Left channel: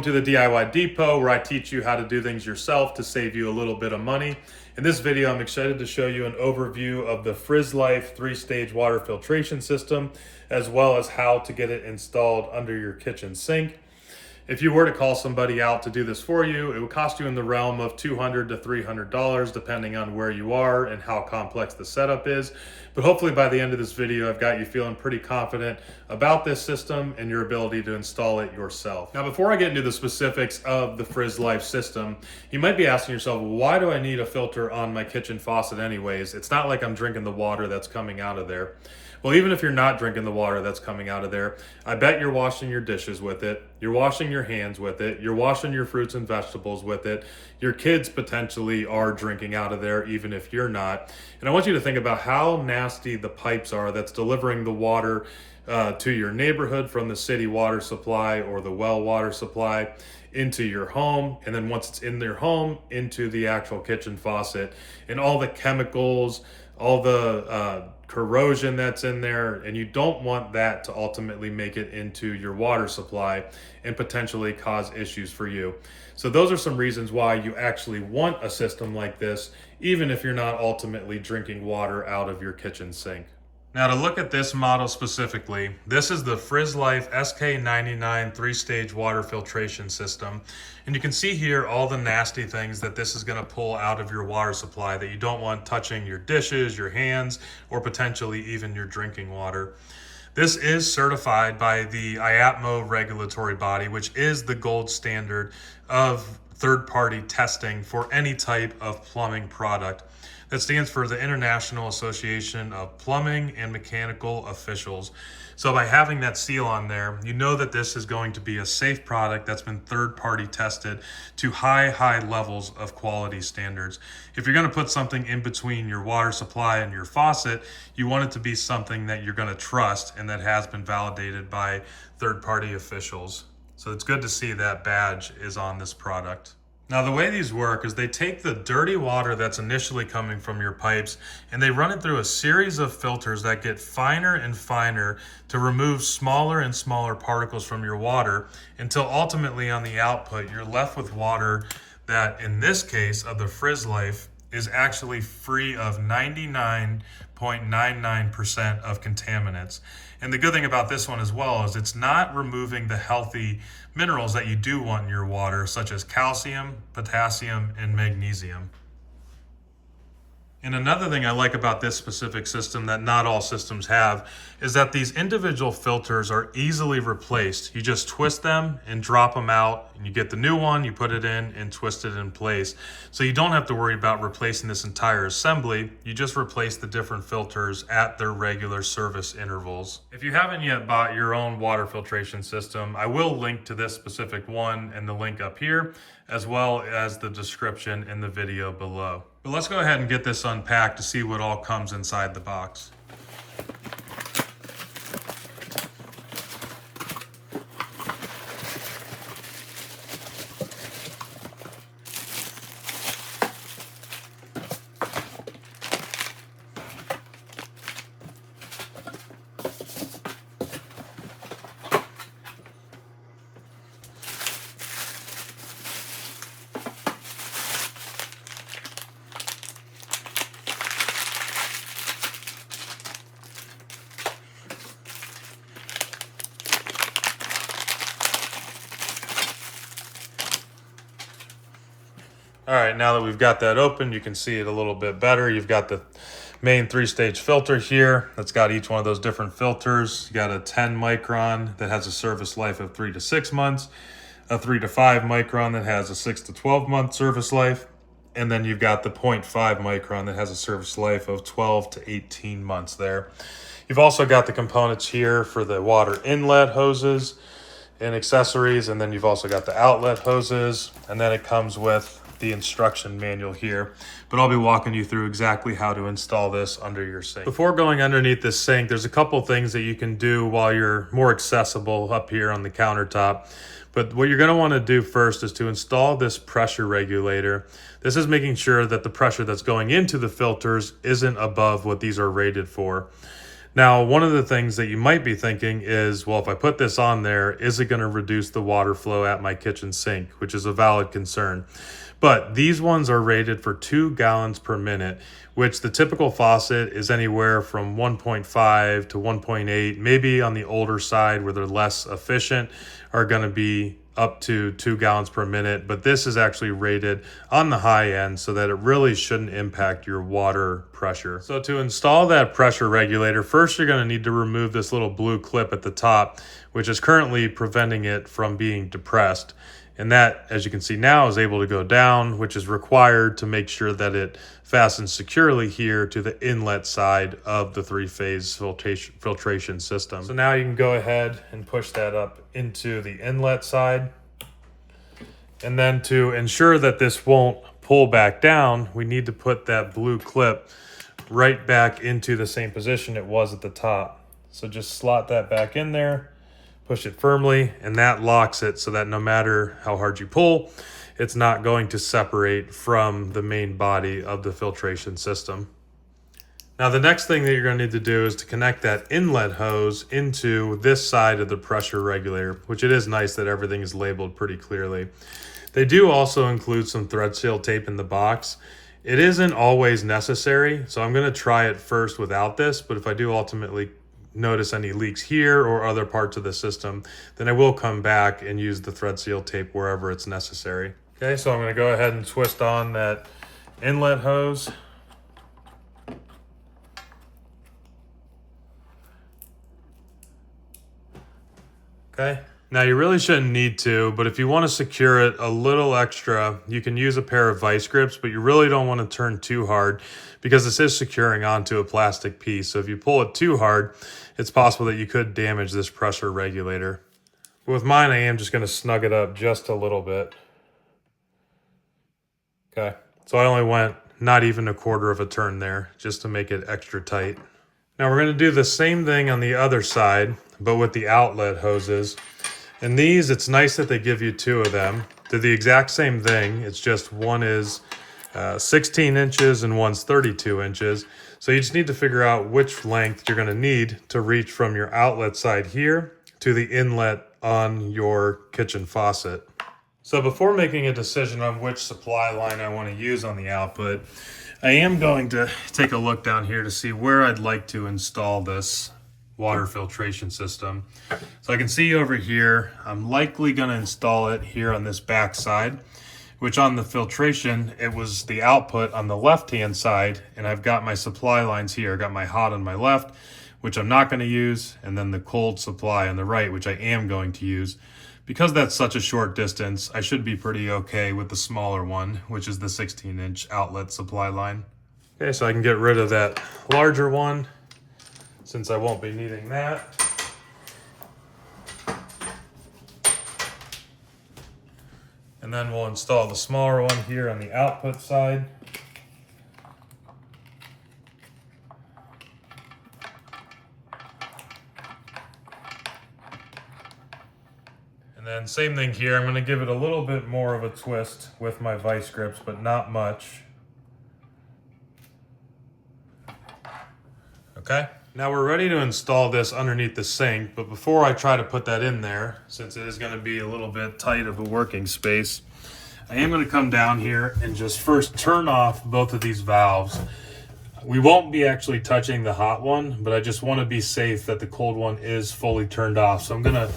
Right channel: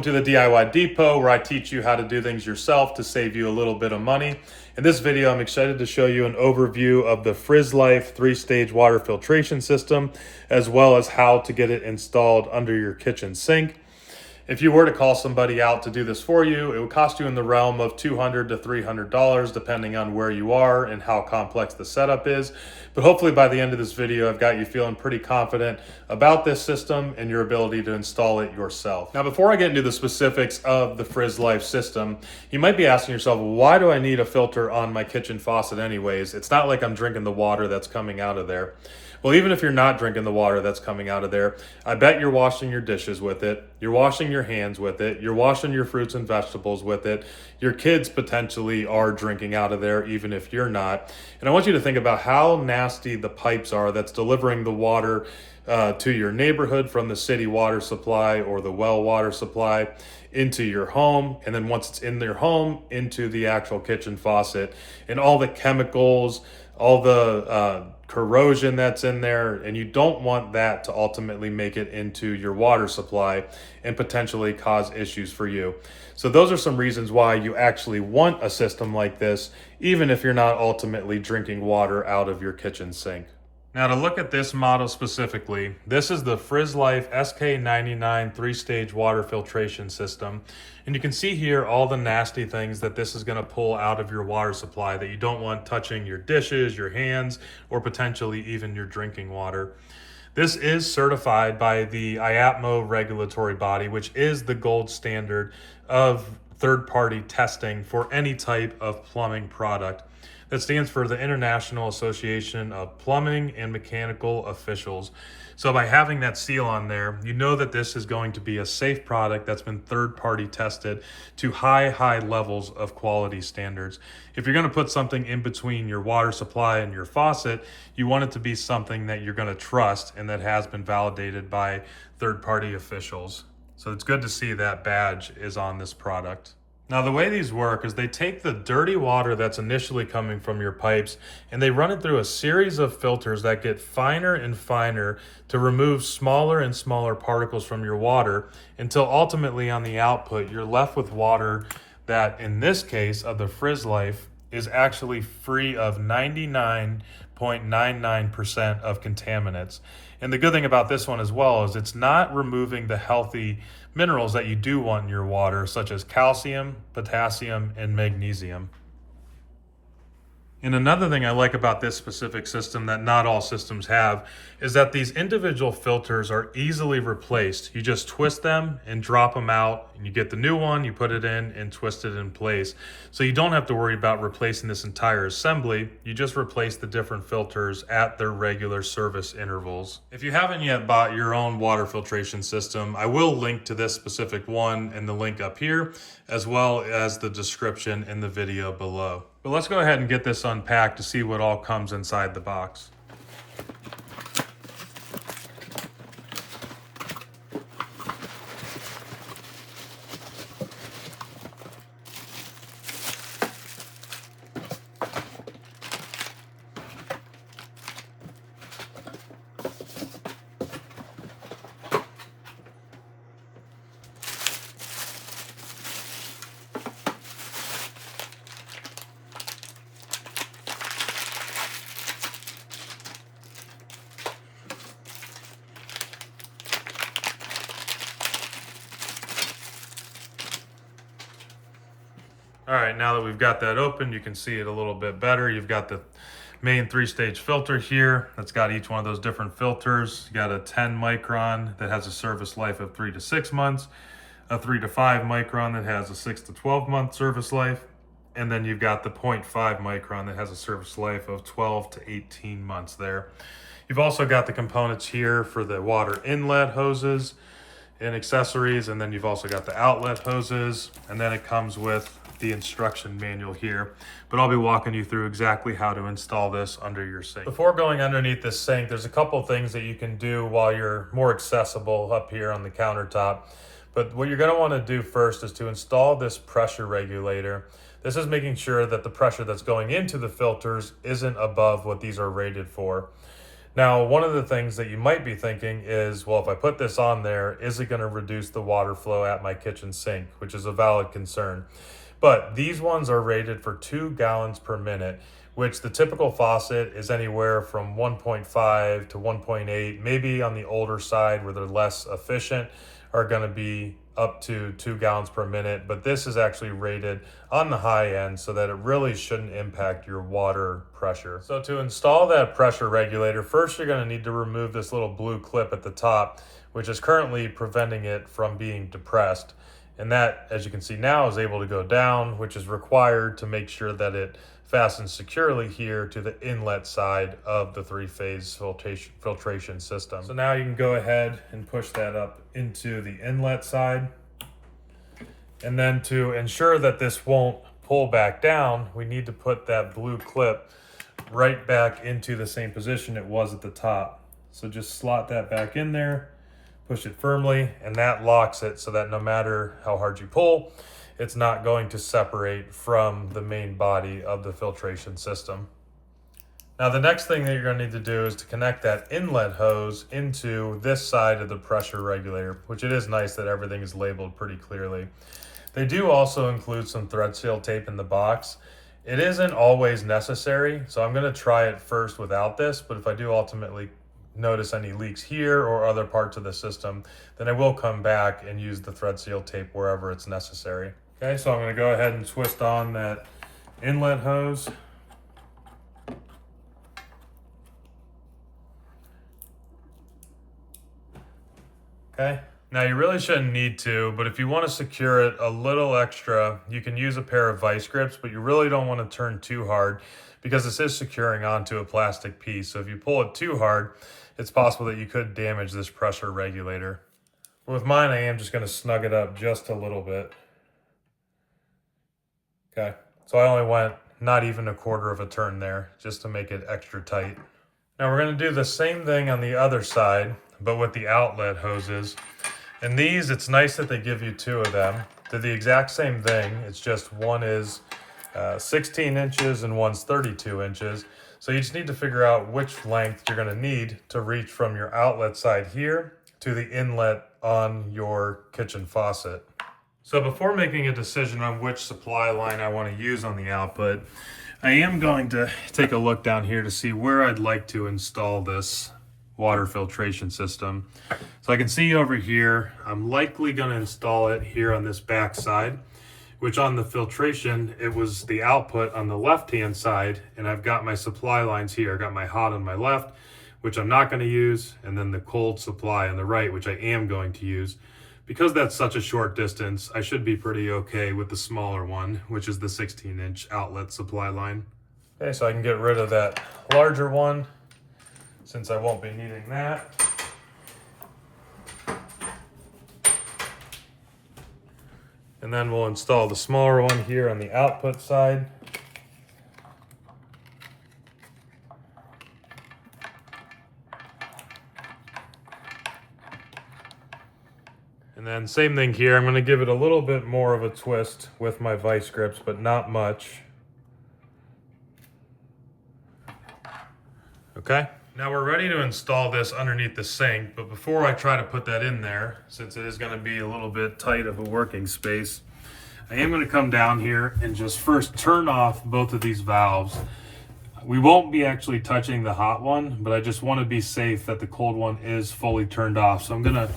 Welcome to the DIY Depot, where I teach you how to do things yourself to save you a little bit of money. In this video, I'm excited to show you an overview of the Frizzlife 3-stage water filtration system, as well as how to get it installed under your kitchen sink. If you were to call somebody out to do this for you, it would cost you in the realm of $200 to $300, depending on where you are and how complex the setup is. But hopefully by the end of this video, I've got you feeling pretty confident about this system and your ability to install it yourself. Now, before I get into the specifics of the Frizzlife system, you might be asking yourself, well, why do I need a filter on my kitchen faucet anyways? It's not like I'm drinking the water that's coming out of there. Well, even if you're not drinking the water that's coming out of there, I bet you're washing your dishes with it, you're washing your hands with it, you're washing your fruits and vegetables with it, your kids potentially are drinking out of there, even if you're not. And I want you to think about how nasty the pipes are that's delivering the water to your neighborhood from the city water supply or the well water supply into your home, and then once it's in your home, into the actual kitchen faucet, and all the chemicals, all the corrosion that's in there, and you don't want that to ultimately make it into your water supply and potentially cause issues for you. So those are some reasons why you actually want a system like this, even if you're not ultimately drinking water out of your kitchen sink. Now, to look at this model specifically, this is the Frizzlife SK99 3-stage water filtration system. And you can see here all the nasty things that this is going to pull out of your water supply that you don't want touching your dishes, your hands, or potentially even your drinking water. This is certified by the IAPMO regulatory body, which is the gold standard of third-party testing for any type of plumbing product. That stands for the International Association of Plumbing and Mechanical Officials. So by having that seal on there, you know that this is going to be a safe product that's been third-party tested to high levels of quality standards. If you're going to put something in between your water supply and your faucet, you want it to be something that you're going to trust and that has been validated by third-party officials. So it's good to see that badge is on this product. Now, the way these work is they take the dirty water that's initially coming from your pipes and they run it through a series of filters that get finer and finer to remove smaller and smaller particles from your water until ultimately on the output, you're left with water that, in this case of the Frizzlife, is actually free of 99.99% of contaminants. And the good thing about this one as well is it's not removing the healthy minerals that you do want in your water, such as calcium, potassium, and magnesium. And another thing I like about this specific system that not all systems have is that these individual filters are easily replaced. You just twist them and drop them out, and you get the new one, you put it in and twist it in place. So you don't have to worry about replacing this entire assembly. You just replace the different filters at their regular service intervals. If you haven't yet bought your own water filtration system, I will link to this specific one in the link up here, as well as the description in the video below. But let's go ahead and get this unpacked to see what all comes inside the box. All right, now that we've got that open, you can see it a little bit better. You've got the main 3-stage filter here that's got each one of those different filters. You got a 10 micron that has a service life of 3 to 6 months, a 3 to 5 micron that has a 6 to 12 month service life, and then you've got the 0.5 micron that has a service life of 12 to 18 months there. You've also got the components here for the water inlet hoses and accessories, and then you've also got the outlet hoses, and then it comes with the instruction manual here, but I'll be walking you through exactly how to install this under your sink. Before going underneath this sink, there's a couple things that you can do while you're more accessible up here on the countertop. But what you're going to want to do first is to install this pressure regulator. This is making sure that the pressure that's going into the filters isn't above what these are rated for. Now, one of the things that you might be thinking is, well, if I put this on there, is it going to reduce the water flow at my kitchen sink, which is a valid concern. But these ones are rated for 2 gallons per minute, which the typical faucet is anywhere from 1.5 to 1.8, maybe on the older side where they're less efficient are going to be up to 2 gallons per minute, but this is actually rated on the high end so that it really shouldn't impact your water pressure. So to install that pressure regulator, first you're going to need to remove this little blue clip at the top, which is currently preventing it from being depressed. And that, as you can see now, is able to go down, which is required to make sure that it fastens securely here to the inlet side of the 3-phase filtration system. So now you can go ahead and push that up into the inlet side. And then to ensure that this won't pull back down, we need to put that blue clip right back into the same position it was at the top. So just slot that back in there, push it firmly, and that locks it so that no matter how hard you pull, it's not going to separate from the main body of the filtration system. Now, the next thing that you're going to need to do is to connect that inlet hose into this side of the pressure regulator, which it is nice that everything is labeled pretty clearly. They do also include some thread seal tape in the box. It isn't always necessary, so I'm going to try it first without this, but if I do ultimately notice any leaks here or other parts of the system, then I will come back and use the thread seal tape wherever it's necessary. Okay, so I'm going to go ahead and twist on that inlet hose. Okay, now you really shouldn't need to, but if you want to secure it a little extra, you can use a pair of vice grips, but you really don't want to turn too hard because this is securing onto a plastic piece. So if you pull it too hard, it's possible that you could damage this pressure regulator. But with mine, I am just going to snug it up just a little bit. Okay, so I only went not even a quarter of a turn there just to make it extra tight. Now we're going to do the same thing on the other side, but with the outlet hoses. And these, it's nice that they give you 2 of them. They're the exact same thing. It's just one is 16 inches and one's 32 inches. So you just need to figure out which length you're going to need to reach from your outlet side here to the inlet on your kitchen faucet. So before making a decision on which supply line I want to use on the output, I am going to take a look down here to see where I'd like to install this water filtration system. So I can see over here, I'm likely going to install it here on this back side, which on the filtration, it was the output on the left-hand side, and I've got my supply lines here. I got my hot on my left, which I'm not going to use, and then the cold supply on the right, which I am going to use. Because that's such a short distance, I should be pretty okay with the smaller one, which is the 16-inch outlet supply line. Okay, so I can get rid of that larger one, since I won't be needing that. And then we'll install the smaller one here on the output side. And then same thing here, I'm going to give it a little bit more of a twist with my vice grips, but not much. Okay, now we're ready to install this underneath the sink, but before I try to put that in there, since it is going to be a little bit tight of a working space, I am going to come down here and just first turn off both of these valves. We won't be actually touching the hot one, but I just want to be safe that the cold one is fully turned off. So I'm going to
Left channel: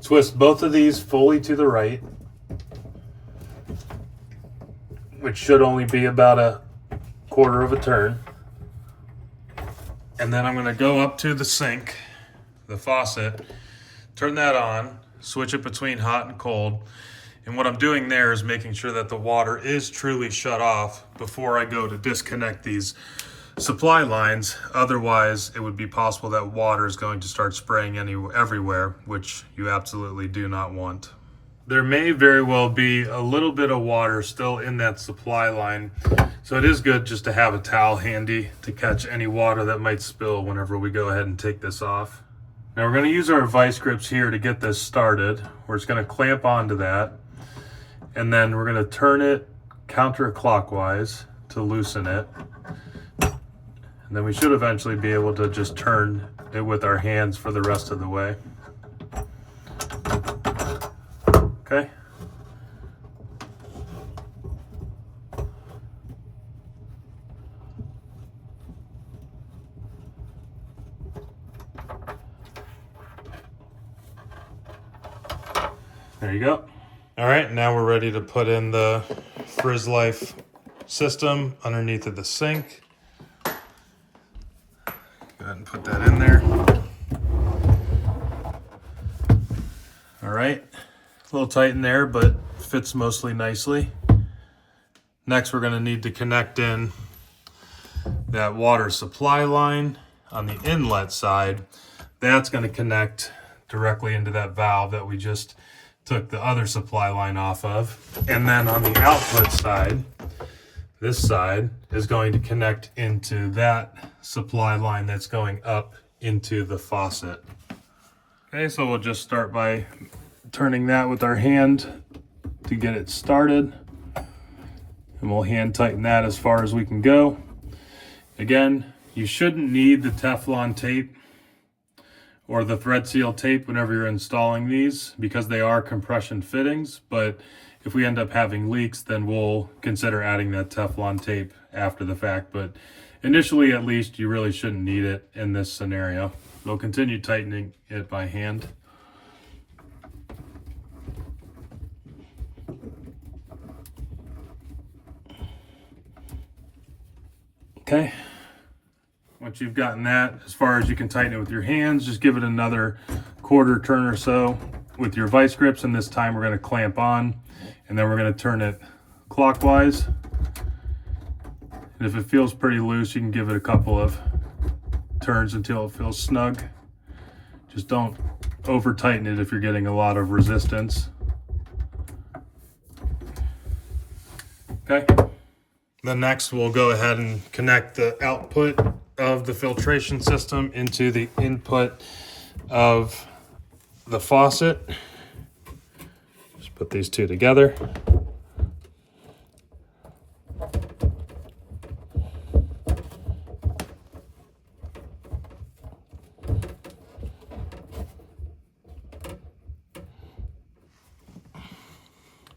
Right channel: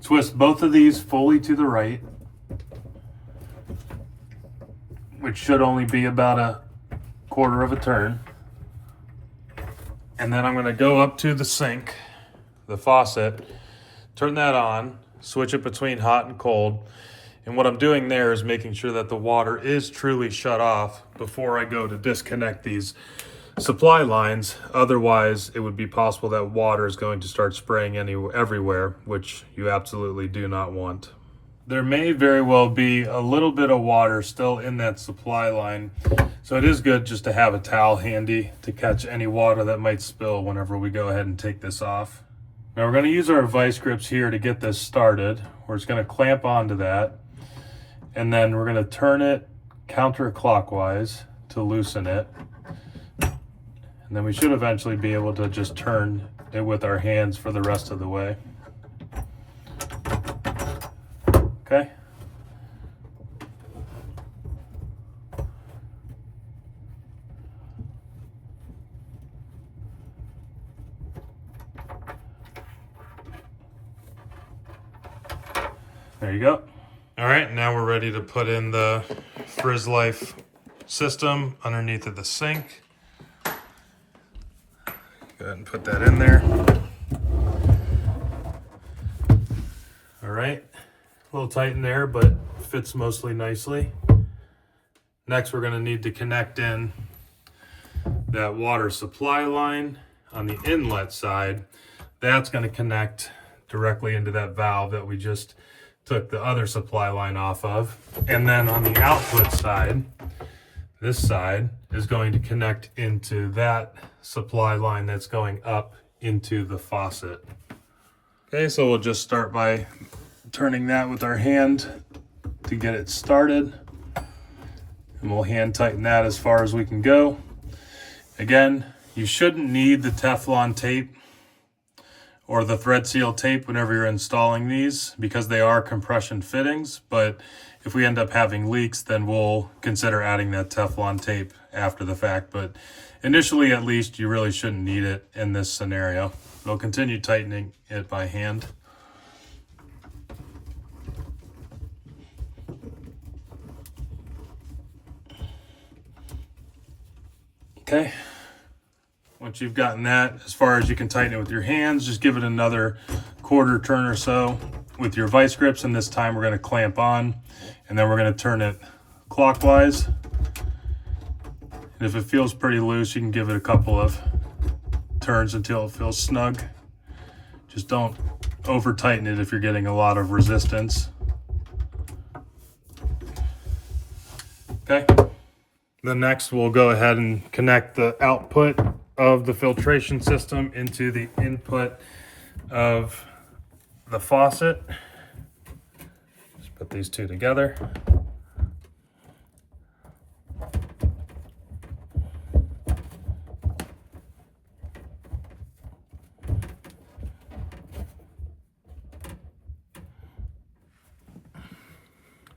twist both of these fully to the right, which should only be about a quarter of a turn. And then I'm going to go up to the sink, the faucet, turn that on, switch it between hot and cold. And what I'm doing there is making sure that the water is truly shut off before I go to disconnect these supply lines. Otherwise, it would be possible that water is going to start spraying everywhere, which you absolutely do not want. There may very well be a little bit of water still in that supply line, so it is good just to have a towel handy to catch any water that might spill whenever we go ahead and take this off. Now we're going to use our vice grips here to get this started. We're just going to clamp onto that, and then we're going to turn it counterclockwise to loosen it. And then we should eventually be able to just turn it with our hands for the rest of the way. Okay. There you go. All right, now we're ready to put in the Frizzlife system underneath of the sink. Go ahead and put that in there. All right, a little tight in there, but fits mostly nicely. Next, we're gonna need to connect in that water supply line on the inlet side. That's gonna connect directly into that valve that we just took the other supply line off of. And then on the output side, this side is going to connect into that supply line that's going up into the faucet. Okay, so we'll just start by turning that with our hand to get it started. And we'll hand tighten that as far as we can go. Again, you shouldn't need the Teflon tape or the thread seal tape whenever you're installing these because they are compression fittings, but if we end up having leaks, then we'll consider adding that Teflon tape after the fact. But initially, at least, you really shouldn't need it in this scenario. We'll continue tightening it by hand. Okay. Once you've gotten that as far as you can tighten it with your hands, just give it another quarter turn or so with your vice grips, and this time we're going to clamp on, and then we're going to turn it clockwise. And if it feels pretty loose, you can give it a couple of turns until it feels snug. Just don't over tighten it if you're getting a lot of resistance. Okay. Then next we'll go ahead and connect the output of the filtration system into the input of the faucet. Just put these two together.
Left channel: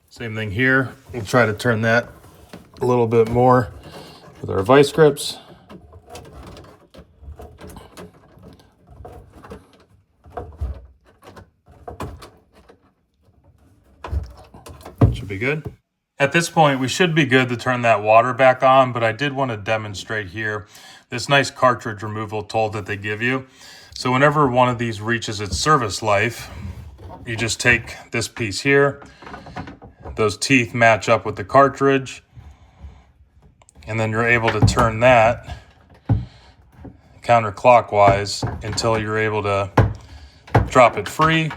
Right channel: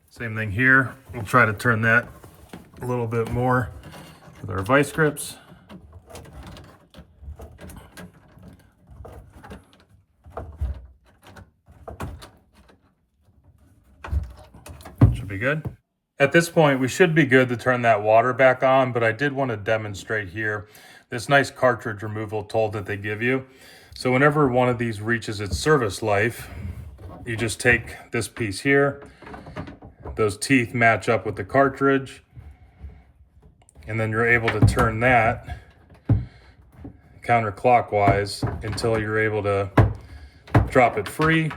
Same thing here. We'll try to turn that a little bit more with our vice grips. Should be good. At this point, we should be good to turn that water back on, but I did want to demonstrate here this nice cartridge removal tool that they give you. So whenever one of these reaches its service life, you just take this piece here, those teeth match up with the cartridge, and then you're able to turn that counterclockwise until you're able to drop it free.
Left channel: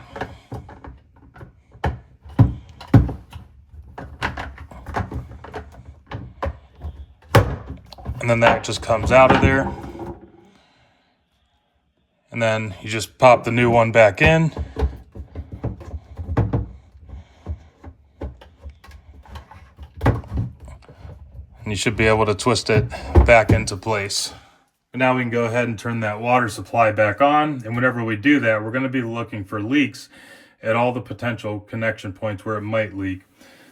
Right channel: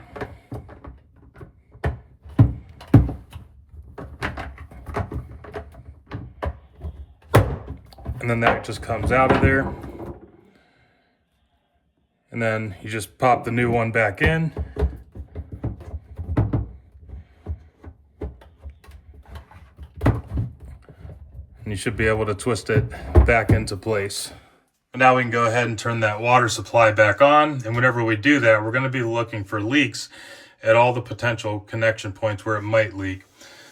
And then that just comes out of there. And then you just pop the new one back in. And you should be able to twist it back into place. And now we can go ahead and turn that water supply back on. And whenever we do that, we're going to be looking for leaks at all the potential connection points where it might leak.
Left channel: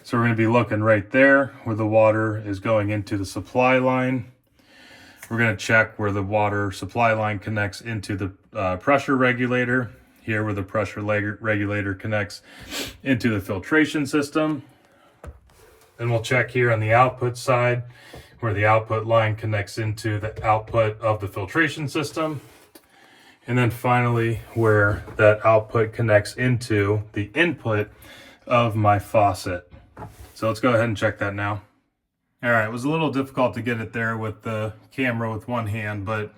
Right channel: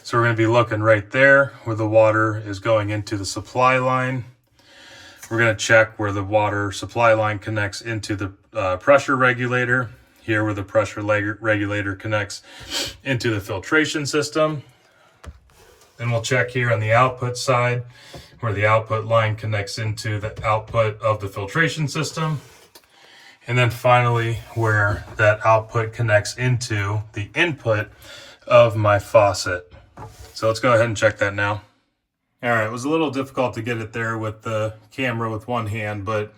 So we're going to be looking right there where the water is going into the supply line. We're going to check where the water supply line connects into the pressure regulator. Here where the pressure regulator connects into the filtration system. Then we'll check here on the output side where the output line connects into the output of the filtration system. And then finally where that output connects into the input of my faucet. So let's go ahead and check that now. All right, it was a little difficult to get it there with the camera with one hand, but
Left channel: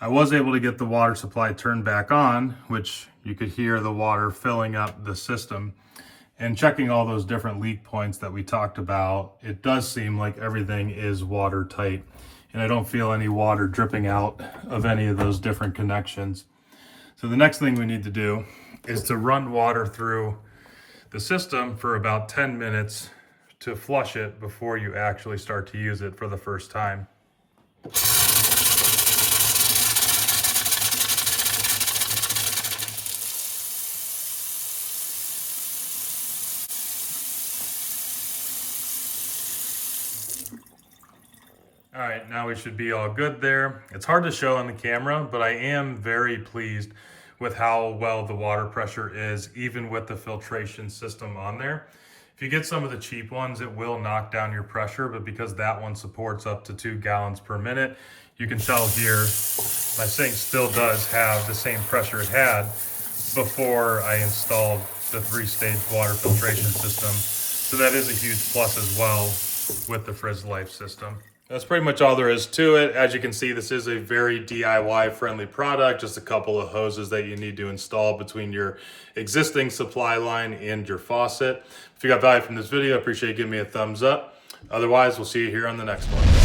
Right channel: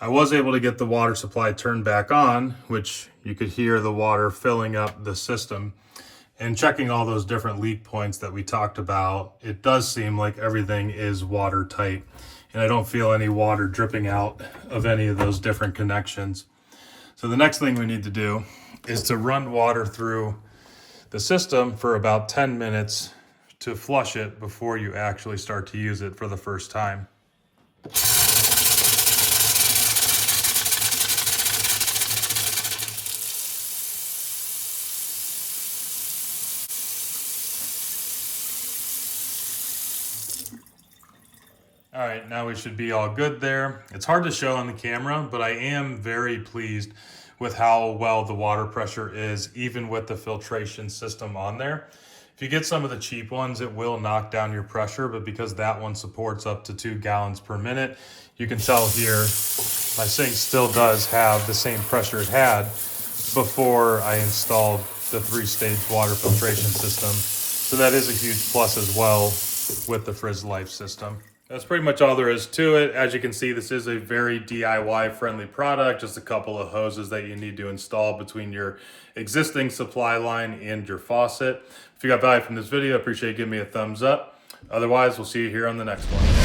I was able to get the water supply turned back on, which you could hear the water filling up the system. And checking all those different leak points that we talked about, it does seem like everything is watertight, and I don't feel any water dripping out of any of those different connections. So the next thing we need to do is to run water through the system for about 10 minutes to flush it before you actually start to use it for the first time. All right, now we should be all good there. It's hard to show on the camera, but I am very pleased with how well the water pressure is, even with the filtration system on there. If you get some of the cheap ones, it will knock down your pressure, but because that one supports up to 2 gallons per minute, you can tell here, my sink still does have the same pressure it had before I installed the 3-stage water filtration system. So that is a huge plus as well with the Frizzlife system. That's pretty much all there is to it. As you can see, this is a very DIY friendly product, just a couple of hoses that you need to install between your existing supply line and your faucet. If you got value from this video, I appreciate you giving me a thumbs up. Otherwise, we'll see you here on the next one.